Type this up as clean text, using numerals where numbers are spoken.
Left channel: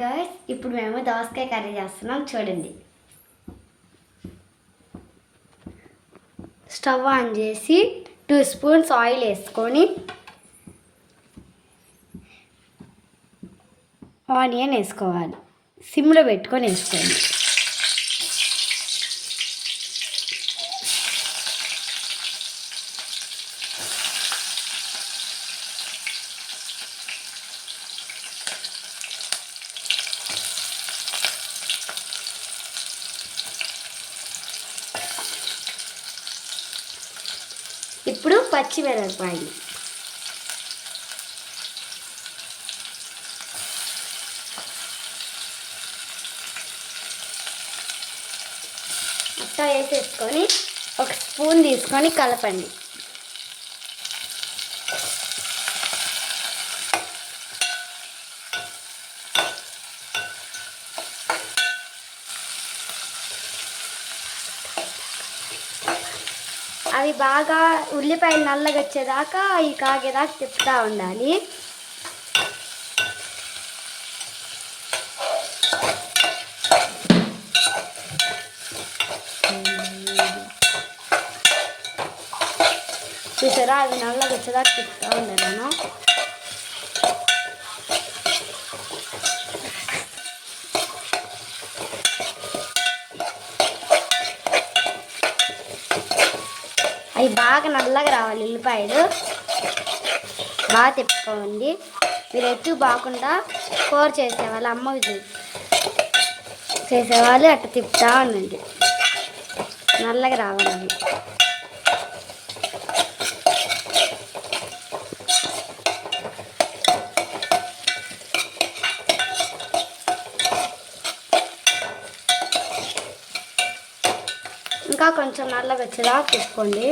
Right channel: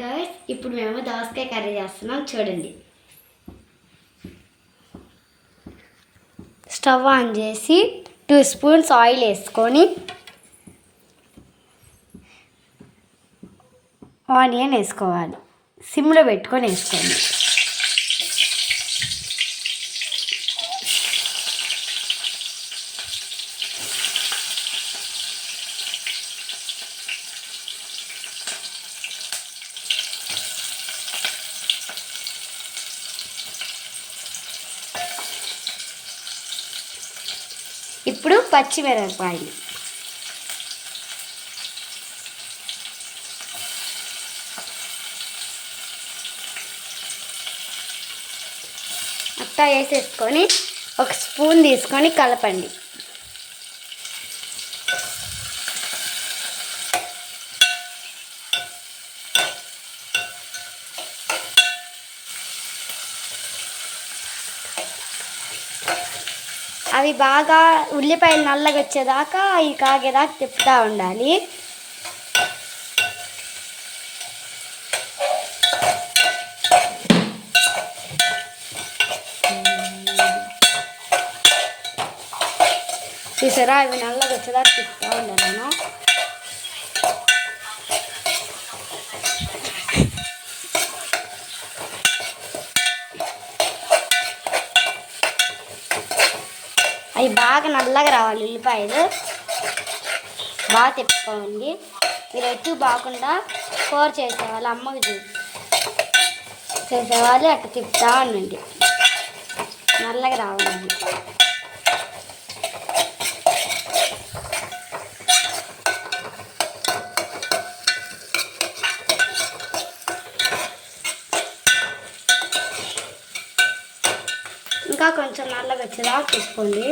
Guys, ఇప్పుడు మేము దోసకాయ కర్రీ చేస్తున్నాం చూడండి. స్టవ్ ఆన్ చేసి 2 స్పూన్స్ ఆయిల్ వేసుకొని ఆనియన్ వేసుకోవాలి. సిమ్లో పెట్టుకొని వేసుకోండి. ఇప్పుడు పచ్చిమిరపకాయలు అట్టా వేసేసుకొని 1 స్పూన్ తీసుకొని కలపండి. అవి బాగా ఉల్లిపాయలు నల్లగా వచ్చేదాకా అవి కాగేదాకా తిప్పుతూ ఉండాలి. చూసారా, అవి నల్లగా వచ్చేదాకా తిప్పుతూ ఉండాలను. అవి బాగా నల్లగా రావాలి. ఉల్లిపాయలు బాగా తిప్పుకోండి. మీరు ఎక్కువ బాగుండా కూర చేసేవాళ్ళు, అమ్మకి చేసేవాళ్ళు అట్లా తిప్పుతూ ఉండండి. నల్లగా రావాలి. ఇంకా కొంచెం నల్లగా వచ్చేదాకా తిప్పుకోండి.